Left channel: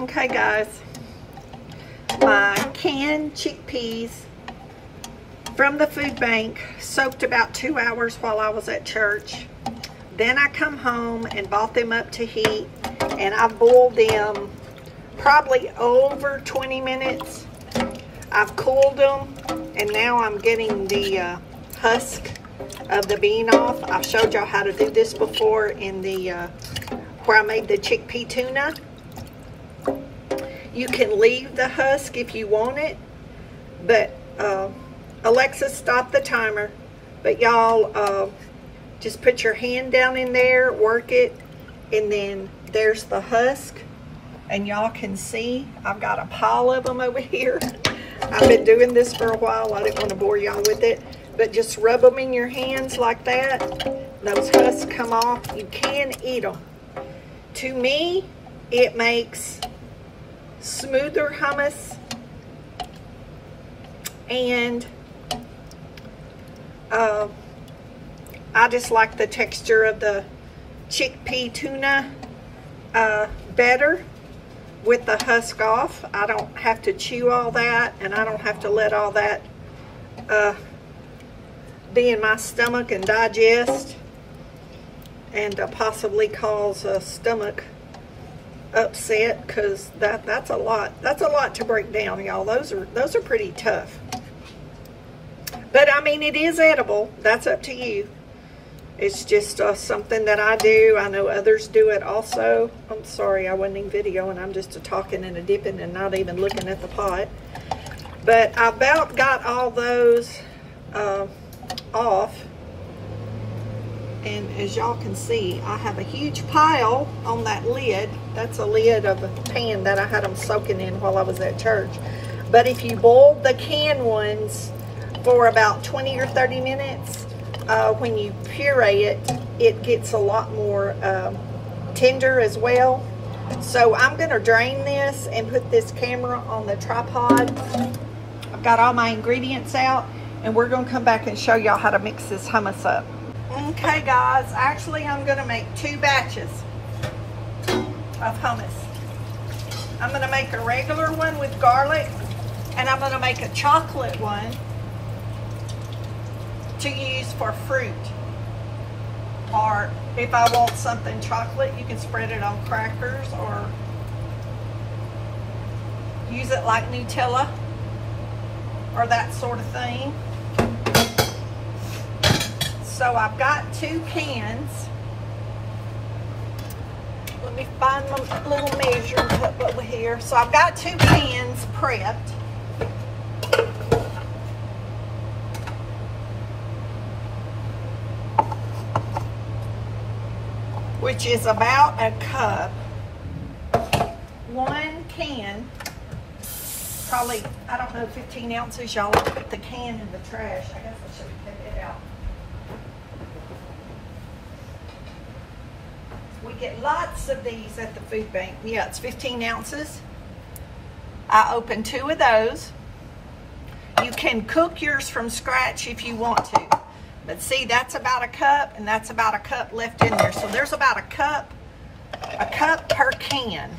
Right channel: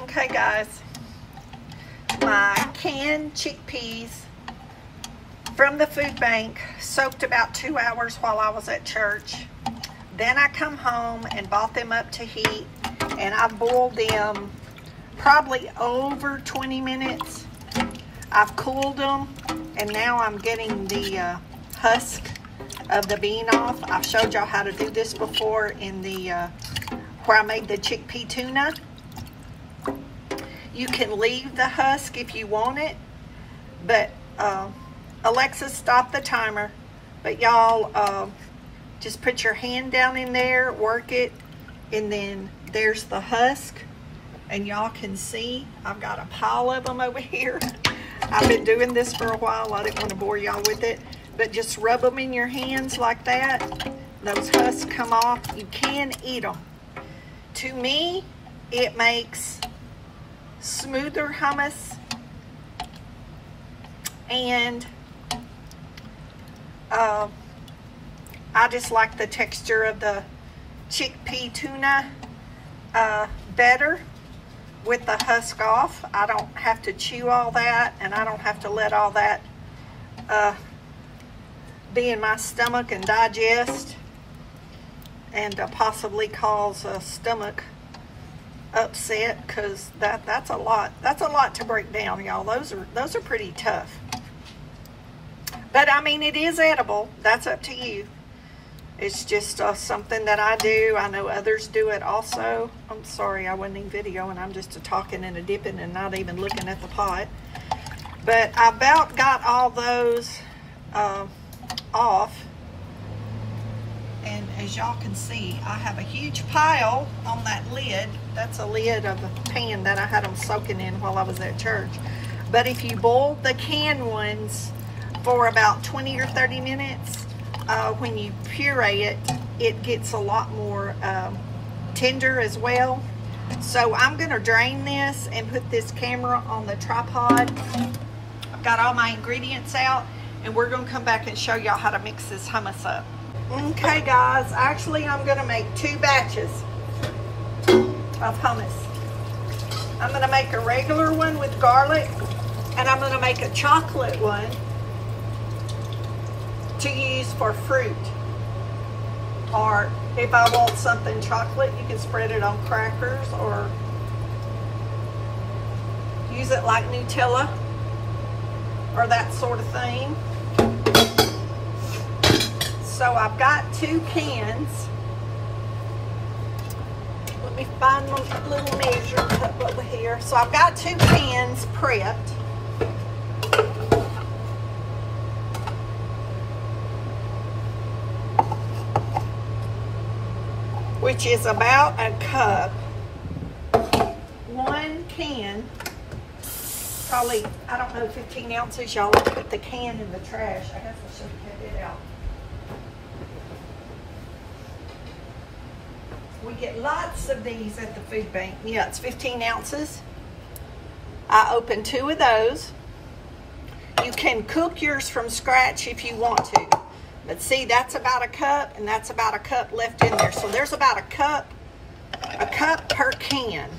Okay guys, my canned chickpeas from the food bank soaked about 2 hours while I was at church. Then I come home and bought them up to heat, and I boiled them probably over 20 minutes. I've cooled them, and now I'm getting the husk of the bean off. I've showed y'all how to do this before in the where I made the chickpea tuna. You can leave the husk if you want it, but Alexa, stop the timer. But y'all just put your hand down in there, work it, and then there's the husk. And y'all can see I've got a pile of them over here. I've been doing this for a while. I didn't want to bore y'all with it, but just rub them in your hands like that. Those husks come off. You can eat them. To me, it makes smoother hummus, and I just like the texture of the chickpea tuna better with the husk off. I don't have to chew all that, and I don't have to let all that be in my stomach and digest and possibly cause a stomach upset, because that's a lot to break down, y'all. Those are pretty tough, but I mean, it is edible. That's up to you. It's just something that I do. I know others do it also. I'm sorry, I wasn't even videoing. I'm just talking and a dipping and not even looking at the pot. But I about got all those off. And as y'all can see, I have a huge pile on that lid. That's a lid of a pan that I had them soaking in while I was at church. But if you boil the canned ones for about 20 or 30 minutes, when you puree it, it gets a lot more tender as well. So I'm gonna drain this and put this camera on the tripod. I've got all my ingredients out, and we're gonna come back and show y'all how to mix this hummus up. Okay guys, actually I'm gonna make 2 batches of hummus. I'm gonna make a regular one with garlic, and I'm gonna make a chocolate one to use for fruit. Or if I want something chocolate, you can spread it on crackers or use it like Nutella or that sort of thing. So I've got 2 cans. Let me find my little measuring cup over here. So I've got 2 cans prepped. Which is about a cup. 1 can, probably, I don't know, 15 ounces. Y'all put the can in the trash. I guess I should take it out. We get lots of these at the food bank. Yeah, it's 15 ounces. I opened 2 of those. You can cook yours from scratch if you want to. But see, that's about a cup, and that's about a cup left in there. So there's about a cup per can.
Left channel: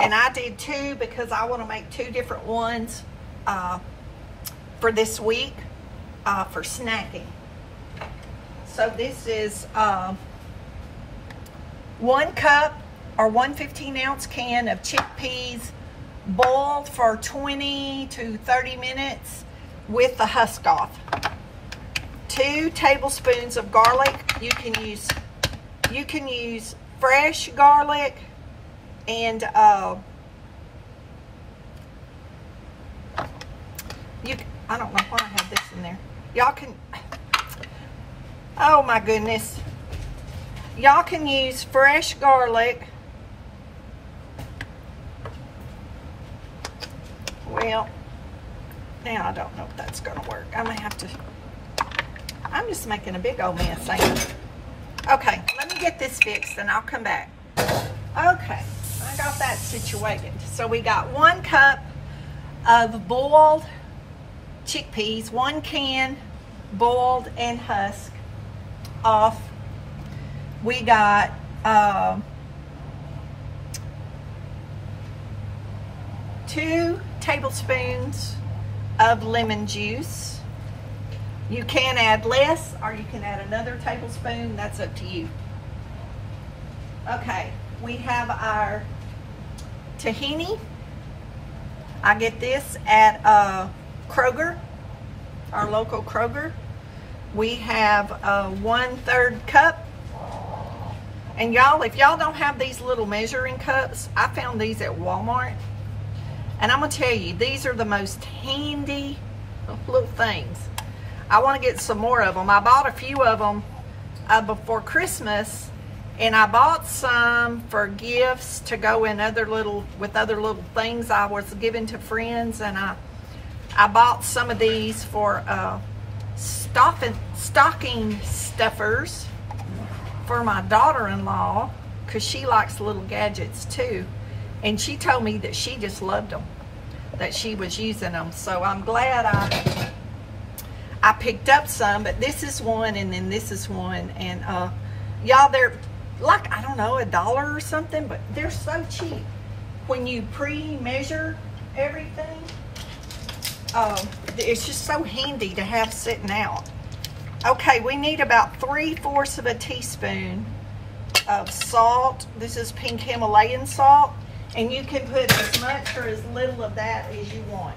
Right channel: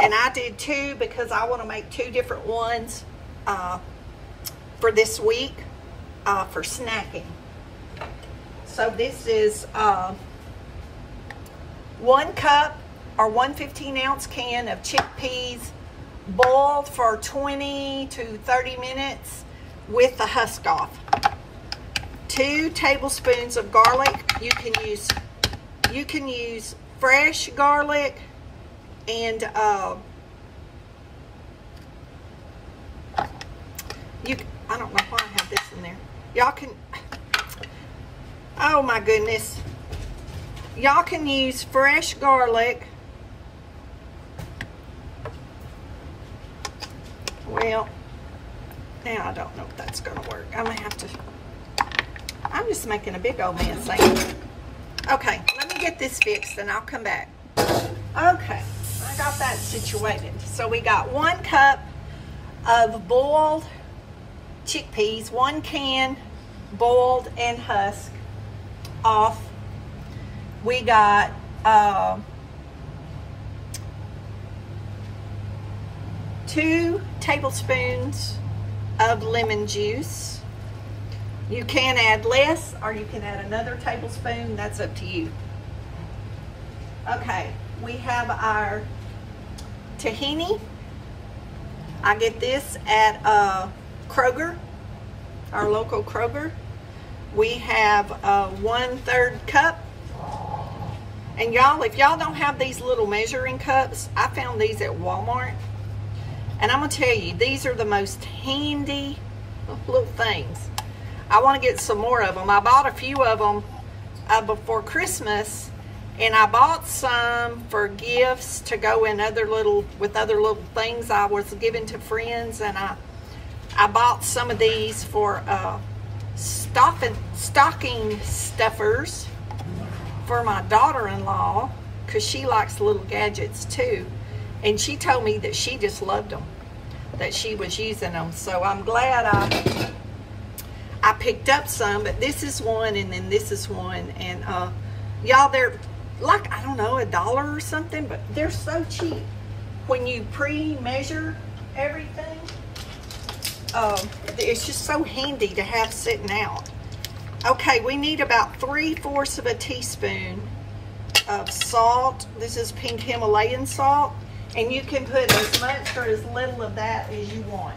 And I did 2 because I want to make 2 different ones for this week for snacking. So this is 1 cup or 1 15-ounce can of chickpeas boiled for 20 to 30 minutes with the husk off. 2 tablespoons of garlic. You can use fresh garlic, and I don't know why I have this in there. Y'all can, oh my goodness. Y'all can use fresh garlic. Well, now I don't know if that's gonna work. I may have to, I'm just making a big old mess, ain't I? Okay, let me get this fixed and I'll come back. Okay, I got that situated. So we got 1 cup of boiled chickpeas, 1 can boiled and husked off. We got 2 tablespoons of lemon juice. You can add less or you can add another tablespoon. That's up to you. Okay, we have our tahini. I get this at Kroger, our local Kroger. We have a 1/3 cup. And y'all, if y'all don't have these little measuring cups, I found these at Walmart. And I'm gonna tell you, these are the most handy little things. I wanna get some more of them. I bought a few of them before Christmas, and I bought some for gifts to go in with other little things I was giving to friends. And I bought some of these for stocking stuffers for my daughter-in-law, because she likes little gadgets too. And she told me that she just loved them, that she was using them. So I'm glad I picked up some, but this is one and then this is one. And y'all, they're like, I don't know, $1 or something, but they're so cheap. When you pre-measure everything, it's just so handy to have sitting out. Okay, we need about 3/4 of a teaspoon of salt. This is pink Himalayan salt, and you can put as much or as little of that as you want.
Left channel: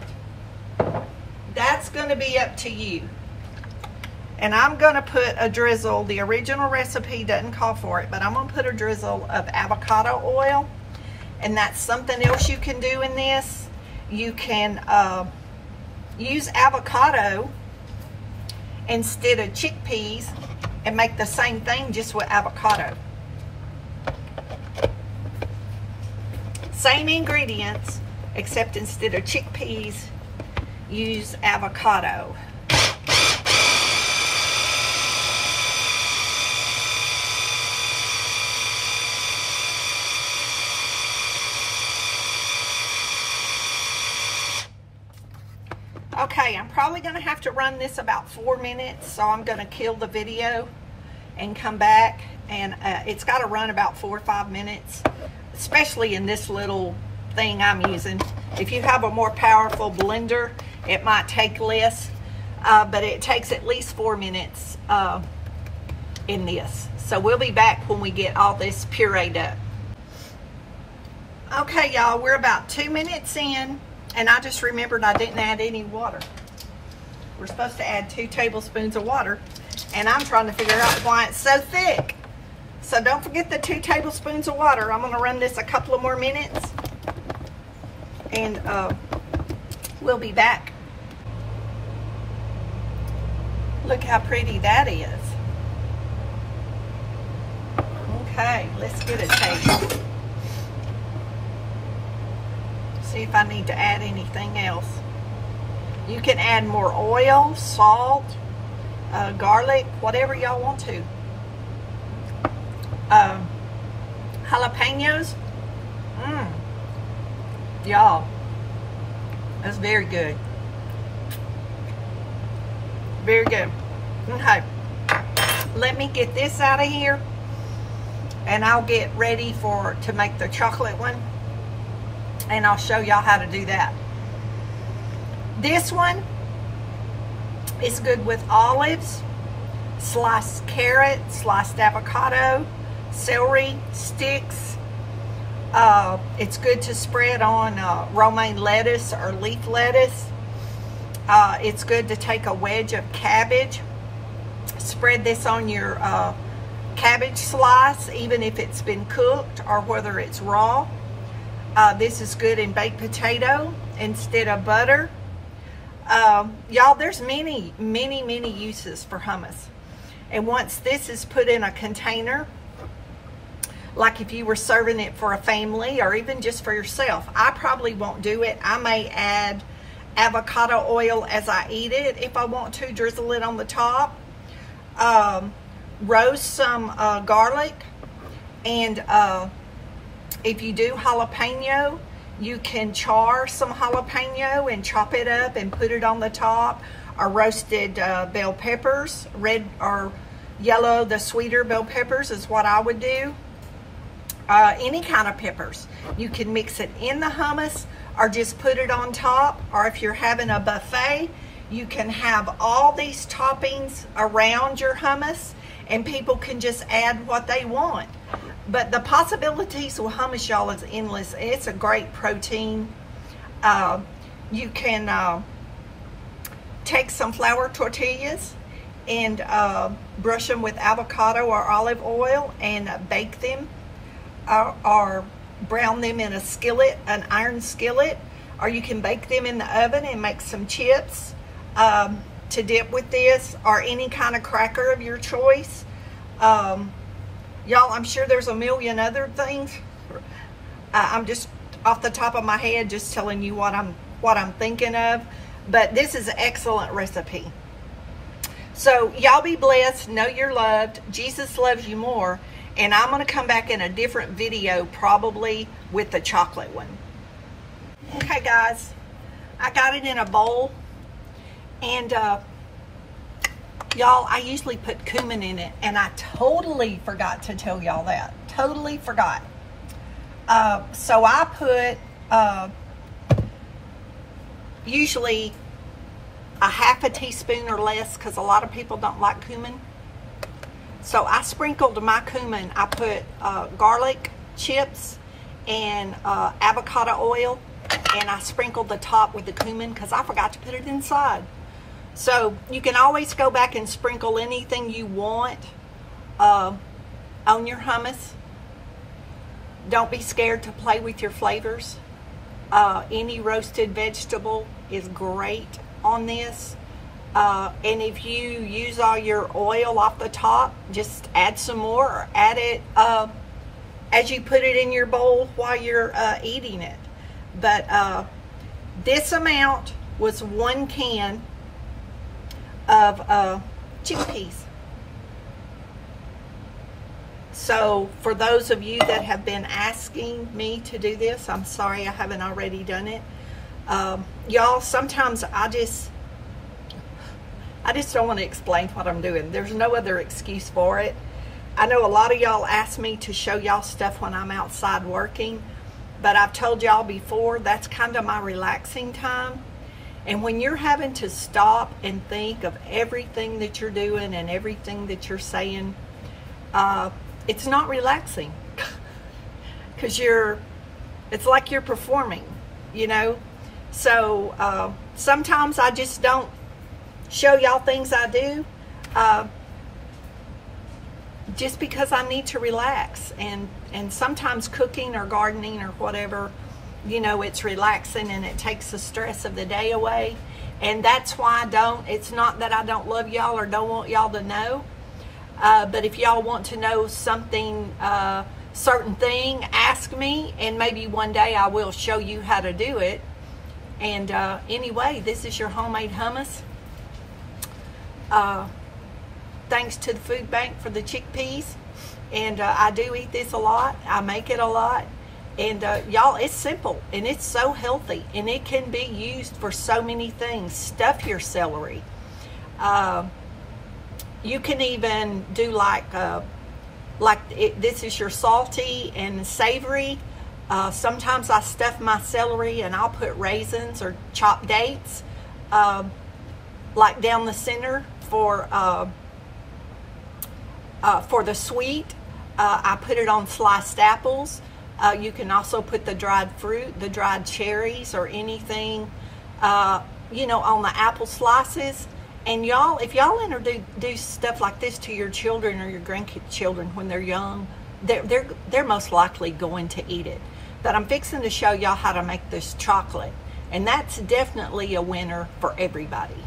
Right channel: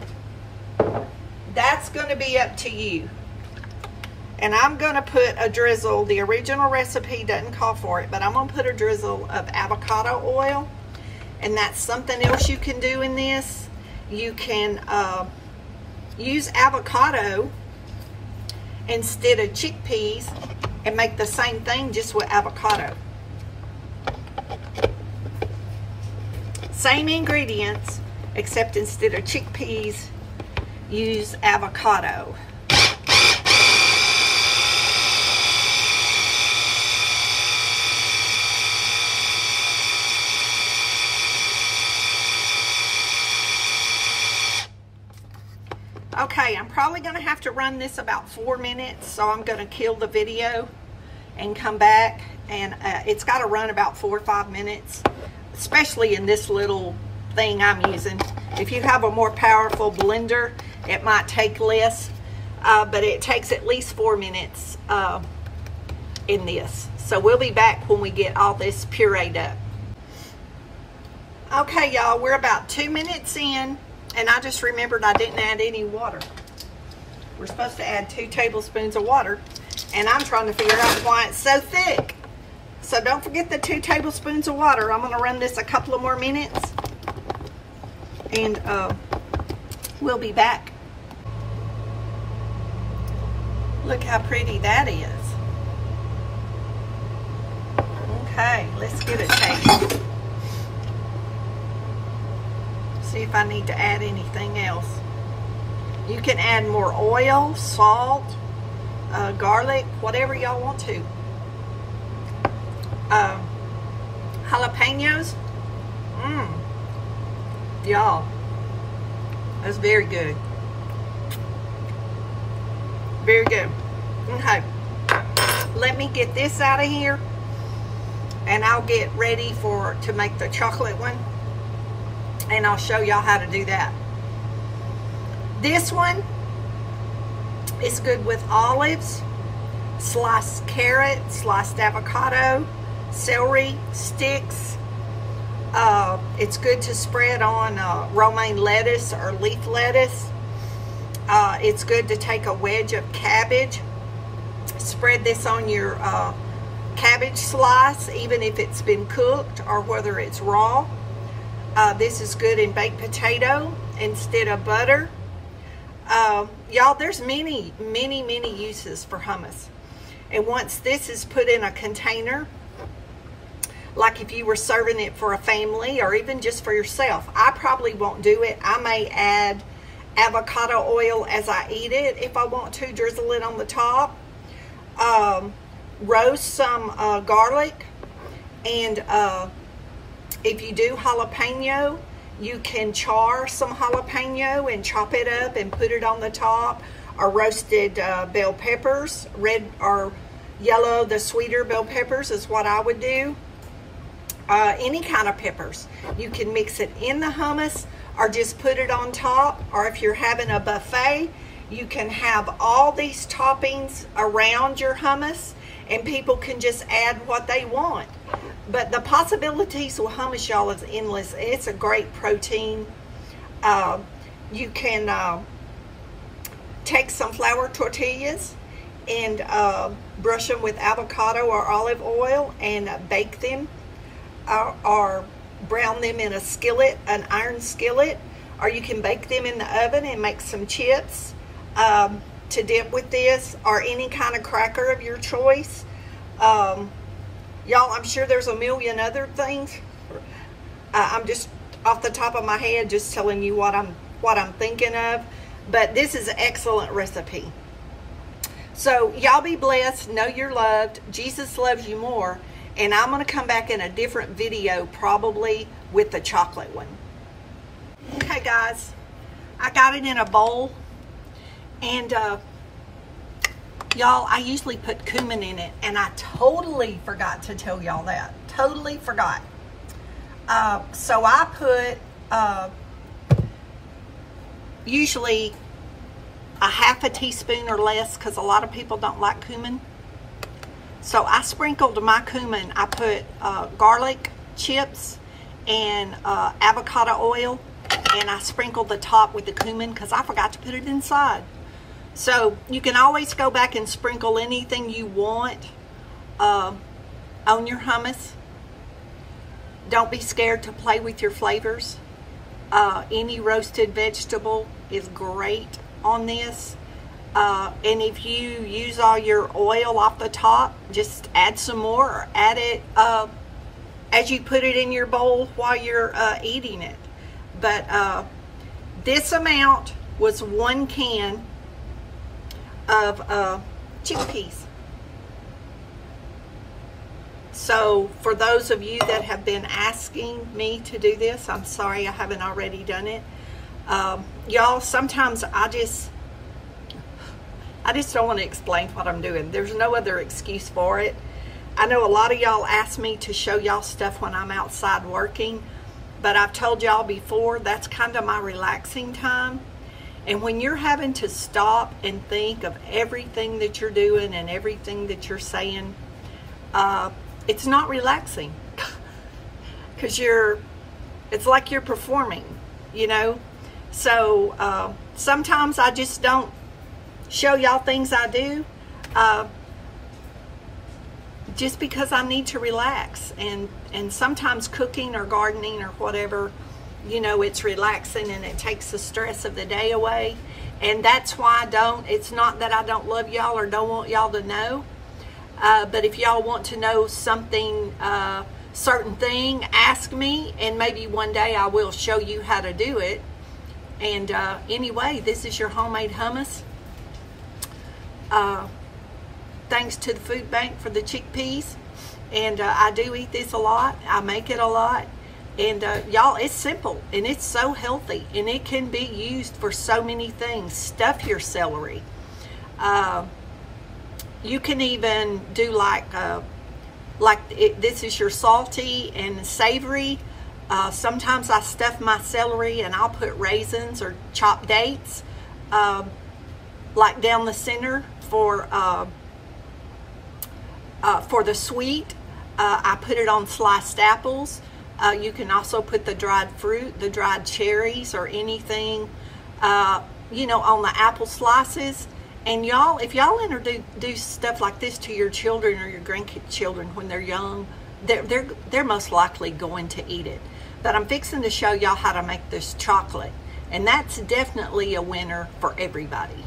That's going to be up to you. And I'm going to put a drizzle. The original recipe doesn't call for it, but I'm going to put a drizzle of avocado oil, and that's something else you can do in this. You can use avocado instead of chickpeas and make the same thing just with avocado. Same ingredients, except instead of chickpeas, use avocado. Okay, I'm probably going to have to run this about 4 minutes, so I'm going to kill the video and come back. And it's got to run about 4 or 5 minutes, especially in this little thing I'm using. If you have a more powerful blender, it might take less, but it takes at least 4 minutes in this. So we'll be back when we get all this pureed up. Okay, y'all, we're about 2 minutes in. And I just remembered I didn't add any water. We're supposed to add 2 tablespoons of water. And I'm trying to figure out why it's so thick. So don't forget the 2 tablespoons of water. I'm going to run this a couple of more minutes. And we'll be back. Look how pretty that is. Okay, let's get a taste. See if I need to add anything else. You can add more oil, salt, garlic, whatever y'all want to. Jalapenos. Y'all, that's very good. Very good. Okay, let me get this out of here, and I'll get ready to make the chocolate one. And I'll show y'all how to do that. This one is good with olives, sliced carrot, sliced avocado, celery sticks. It's good to spread on romaine lettuce or leaf lettuce. It's good to take a wedge of cabbage, spread this on your cabbage slice, even if it's been cooked or whether it's raw. This is good in baked potato instead of butter. Y'all, there's many uses for hummus. And once this is put in a container, like if you were serving it for a family or even just for yourself, I probably won't do it. I may add avocado oil as I eat it if I want to, drizzle it on the top. Roast some garlic, and if you do jalapeno, you can char some jalapeno and chop it up and put it on the top, or roasted bell peppers, red or yellow, the sweeter bell peppers is what I would do. any kind of peppers. You can mix it in the hummus or just put it on top, or if you're having a buffet, you can have all these toppings around your hummus and people can just add what they want. But the possibilities with hummus, y'all, is endless. It's a great protein. You can take some flour tortillas and brush them with avocado or olive oil and bake them, or brown them in a skillet, an iron skillet, or you can bake them in the oven and make some chips to dip with this, or any kind of cracker of your choice. Y'all, I'm sure there's a million other things. I'm just off the top of my head just telling you what I'm thinking of, but this is an excellent recipe. So y'all be blessed, know you're loved, Jesus loves you more, and I'm going to come back in a different video probably with the chocolate one. Okay guys, I got it in a bowl, and y'all, I usually put cumin in it, and I totally forgot to tell y'all that. Totally forgot. So I put usually a half a teaspoon or less, because a lot of people don't like cumin. So I sprinkled my cumin. I put garlic chips and avocado oil, and I sprinkled the top with the cumin because I forgot to put it inside. So you can always go back and sprinkle anything you want on your hummus. Don't be scared to play with your flavors. Any roasted vegetable is great on this. And if you use all your oil off the top, just add some more, or add it as you put it in your bowl while you're eating it. But this amount was 1 can of chickpeas. So for those of you that have been asking me to do this, I'm sorry I haven't already done it. Y'all, sometimes I just don't want to explain what I'm doing. There's no other excuse for it. I know a lot of y'all ask me to show y'all stuff when I'm outside working, but I've told y'all before, that's kind of my relaxing time. And when you're having to stop and think of everything that you're doing and everything that you're saying, it's not relaxing, because it's like you're performing, you know. So sometimes I just don't show y'all things I do, just because I need to relax. And sometimes cooking or gardening or whatever, you know, it's relaxing and it takes the stress of the day away. And that's why it's not that I don't love y'all or don't want y'all to know, but if y'all want to know something, certain thing, ask me, and maybe one day I will show you how to do it. And anyway, this is your homemade hummus. Thanks to the food bank for the chickpeas. And I do eat this a lot. I make it a lot. And y'all, it's simple and it's so healthy, and it can be used for so many things. Stuff your celery. You can even do this is your salty and savory. Sometimes I stuff my celery and I'll put raisins or chopped dates like down the center for the sweet. I put it on sliced apples. You can also put the dried fruit, the dried cherries, or anything, you know, on the apple slices. And y'all, if y'all introduce stuff like this to your children or your grandchildren when they're young, they're most likely going to eat it. But I'm fixing to show y'all how to make this chocolate, and that's definitely a winner for everybody.